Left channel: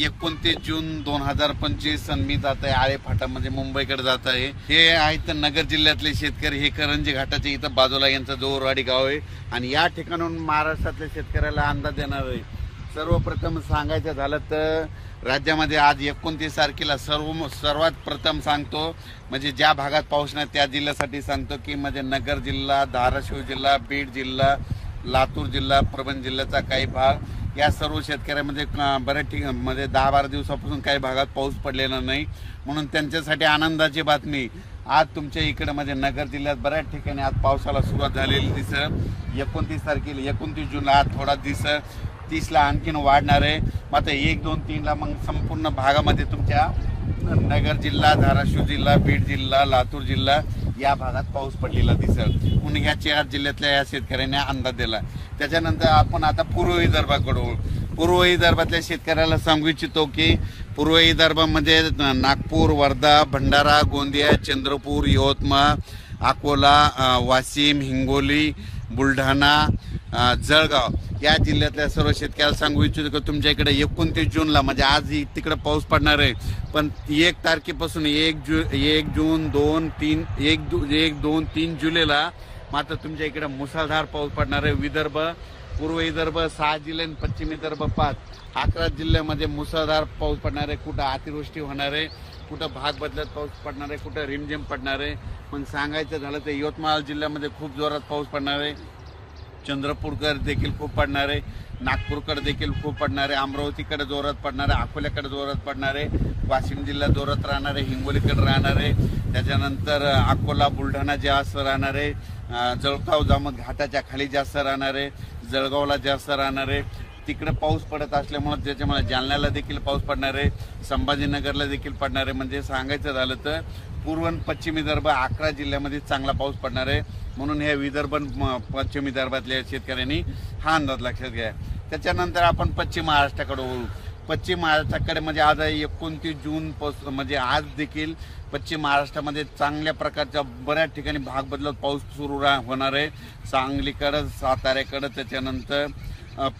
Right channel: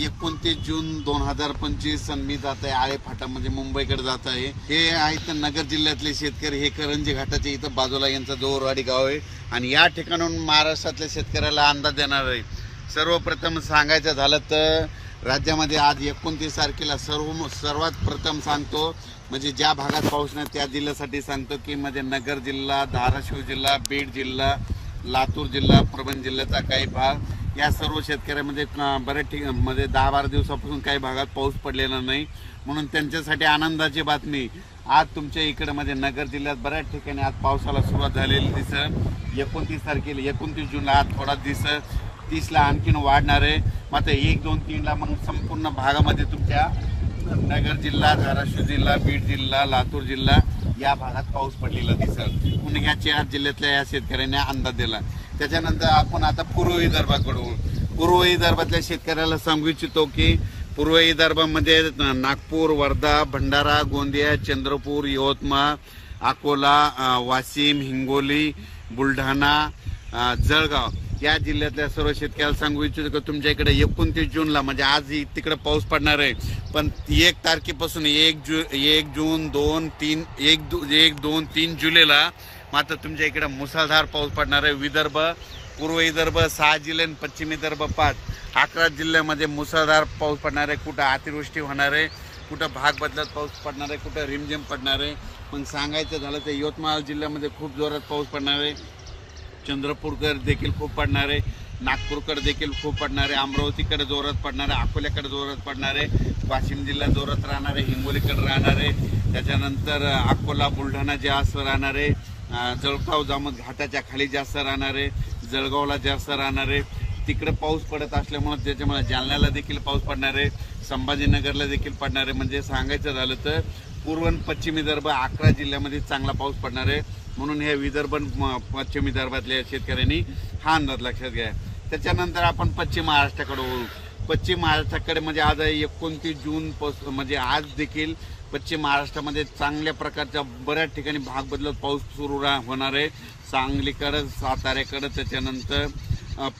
29 जून 2025 आणि मी जात आहे आळे फाटामध्ये मुंबईकडे जात आहे। हे आहेत नगर जिल्ह्यातले शेतकरी, हे करंजी घाटाच्या इथं बाजूला यांचा दोरवाडी गाव आहे आणि या ठिकाणाहून महाराष्ट्रातल्या शेतकऱ्याला अंदाज देणार आहे। सर्वप्रथम सांगायचं झालं तर राज्यामध्ये आज 29 तारखेला सर्वात प्रथम सांगतो म्हणजे ज्या भागात पाऊस नाही त्या जिल्ह्यासाठी सांगतो की म्हणजे नगर जिल्हा, धाराशिव जिल्हा, बीड जिल्हा, लातूर जिल्हा, परभणी जिल्ह्याचा काही भाग, या सर्व शेतकऱ्यांमध्ये बऱ्याच ठिकाणी म्हणजे 10-12 दिवसापासून काही भागात पाऊस पडलेला नाही, म्हणून त्यांच्यासाठी आनंदाची बातमी। आज तुमच्या इकडे म्हणजे नगर जिल्ह्यात बऱ्याच ठिकाणी आज पावसाला सुरुवात झालेली दिसत। 29 तारखेला 29 जूनला आज थोडा दिसत, 30ला आणखीन वाढणार आहे। मात्र 1, 2, 3ला मग संपूर्ण भागामध्ये तुमच्या नगर जिल्हा, धाराशिव जिल्हा, बीड जिल्हा, लातूर जिल्हा या भागात पाऊस पडलेला दिसत, म्हणून या 4 जिल्ह्यातल्या या शेतकऱ्यांनी अंदाज दिला। त्याच्यानंतर आपण आता पूर्व विदर्भाकडे, पूर्व विदर्भातल्या शेतकऱ्याला सांगू इच्छितो की पूर्व विदर्भ म्हणजे नागपूर, वर्धा, भंडारा, गोंदिया, चंद्रपूर, यवतमाळ, अकोला, वाशिम, हिंगोली, बुलढाणा, जळगाव या जिल्ह्यातल्या सर्व शेतकऱ्याला सांगू इच्छितो की तुमच्या इकडे 29 जूनला म्हणजे आज तिकडे पाऊस पडणार आहे, पण 1 तारखेपासून 1 जून 2, 3, 1, 2, 3 जुलैला मात्र तुमच्या इकडे मुसळधार पाऊस पडणार आहे। विदर्भ, पूर्व विदर्भ 6 जिल्हे आणि पश्चिम विदर्भ 5, 11 जिल्ह्यामध्ये मुसळधार पाऊस पडणार आहे। कुठं अतिवृष्टी होणार आहे, कुठं भाग बदलत पाऊस पडणार आहे, कुठं रिमझिम पडणार आहे। पण सांगायचं झालं तर यवतमाळ जिल्ह्यामध्ये खूप जोरात पाऊस पडणार आहे, चंद्रपूरकर देखील खूप पडणार आहे, नागपूरकडे देखील खूप पडणार आहे, अमरावतीकडे जोरात पडणार आहे, अकोल्याकडे जोरात पडणार आहे, वाशिम जिल्हा जोरात राहणार आहे, हिंगोलीकडे राहणार आहे, त्याच्यानंतर अकोला, बुलढाणा जास्त राहणार आहे, जळगाव जामोद घाटाच्या खाली जास्त राहणार आहे, जळगावला जास्त राहणार आहे। तिकडे पाऊस पडत असल्यामुळे त्याच्यामुळे जालन्याला देखील पाऊस पडणार आहे, संभाजीनगरला देखील पडणार आहे। म्हणजे सांगायचं झालं तर पूर्व आणि पश्चिम विदर्भ 11 जिल्ह्यामध्ये चांगला पाऊस पडणार आहे, म्हणून हे विदर्भ पश्चिम विदर्भातल्या शेतकऱ्यांनी हा अंदाज लक्षात घ्या। त्याच्यानंतर आपण पश्चिम महाराष्ट्राकडे वळू। पश्चिम महाराष्ट्राकडे म्हणजे आज 29 जून म्हणजे आज देखील पश्चिम महाराष्ट्रामध्ये चांगल्या प्रकारच्या बऱ्याच ठिकाणी भाग बदलत पाऊस सुरू होणार आहे। सांगलीकडे, साताऱ्याकडे, त्याच्यानंतर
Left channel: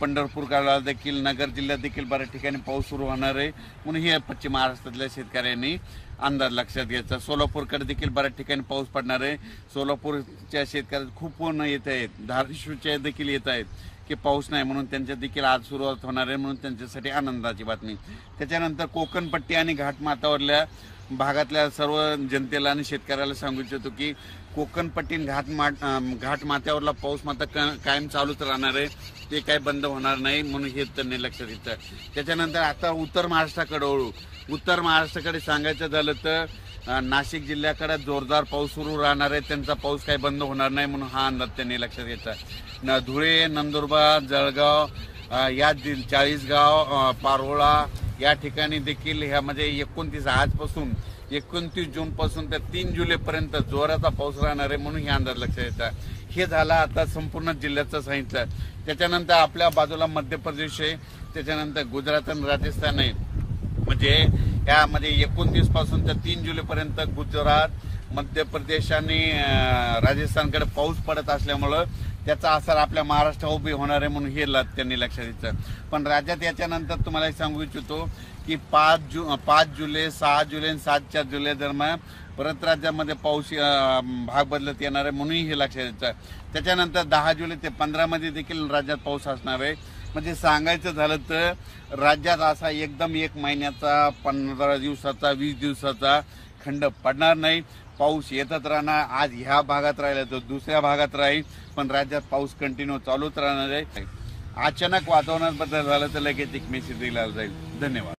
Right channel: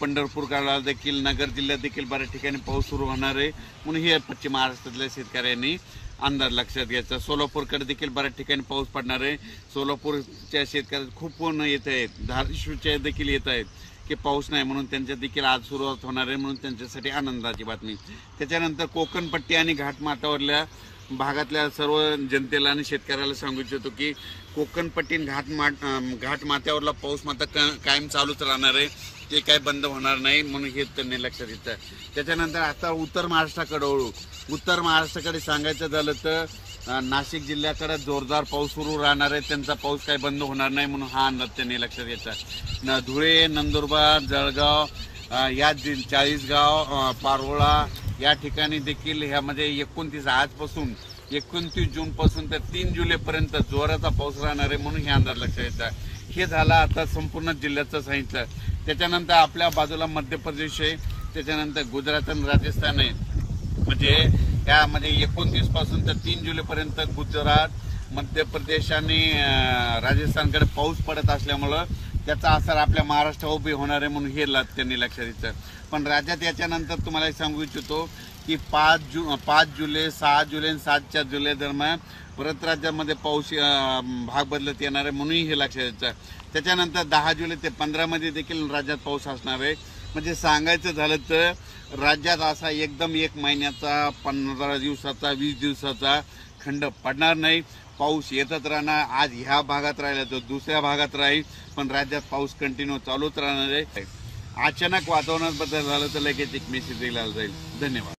पंढरपूरकडे देखील, नगर जिल्ह्यात देखील बऱ्याच ठिकाणी पाऊस सुरू होणार आहे, म्हणून हे पश्चिम महाराष्ट्रातल्या शेतकऱ्यांनी अंदाज लक्षात घ्यायचा। सोलापूरकडे देखील बऱ्याच ठिकाणी पाऊस पडणार आहे, सोलापूरच्या शेतकऱ्यांना खूप पूर्ण येत आहेत, धाराशिवच्या देखील येत आहेत की पाऊस नाही, म्हणून त्यांच्या देखील आज सुरुवात होणार आहे, म्हणून त्यांच्यासाठी आनंदाची बातमी। त्याच्यानंतर कोकणपट्टी आणि घाटमाथ्यावरल्या भागातल्या सर्व जनतेला आणि शेतकऱ्याला सांगू इच्छितो की कोकणपट्टी घाटमाथ्यावरला पाऊस मात्र कायम चालूच राहणार आहे, ते काय बंद होणार नाही, म्हणून हे त्यांनी लक्षात घेतलं। त्याच्यानंतर आता उत्तर महाराष्ट्राकडे वळू। उत्तर महाराष्ट्राकडे सांगायचं झालं तर नाशिक जिल्ह्याकडे जोरदार पाऊस सुरू राहणार आहे, त्यांचा पाऊस काही बंद होणार नाही, म्हणून हा अंदाज त्यांनी लक्षात घेतला। धुळे, नंदुरबार, जळगाव या 40गाव, पारोळा या ठिकाणी देखील ह्यामध्ये 29 आजपासून 29 जून पासून तर 3 जुलैपर्यंत जोराचा पाऊस राहणार आहे, म्हणून हे अंदाज लक्षात घेतला। हे झालं आता संपूर्ण जिल्ह्याचं सांगितलं। त्याच्यानंतर आपल्या बाजूला मध्य प्रदेश आहे, त्याच्यानंतर गुजरात आणि राजस्थान आहे, म्हणजे यामध्ये 29 पासून तर 3 जुलैपर्यंत गुजरात, मध्य प्रदेश आणि राजस्थानकडे पाऊस पडत असल्यामुळं त्याचा असर आपल्या महाराष्ट्रावर उभी होणार आहे, म्हणून हे त्यांनी लक्षात घेतलं। पण राज्यात याच्यानंतर तुम्हाला सांगू इच्छितो की 5 जुलै, 6 जुलै आणि 7 जुलै दरम्यान परत राज्यामध्ये पाऊस भाग बदलत येणार आहे, म्हणून हे लक्षात घ्यायचं। त्याच्यानंतर 10 जुलै ते 15 मध्ये देखील राज्यात पाऊस असणार आहे। म्हणजे सांगायचं झालं तर राज्यात असा एकदम 1 महिन्याचा, 15 दिवसाचा, 20 दिवसाचा खंड पडणार नाही, पाऊस येतच राहणार। आज ह्या भागात राहिला तर दुसऱ्या भागात राहील, पण राज्यात पाऊस कंटिन्यू चालूच राहणार आहे। अचानक वातावरणात बदल झाला तर लगेच एक मेसेज दिला जाईल। धन्यवाद।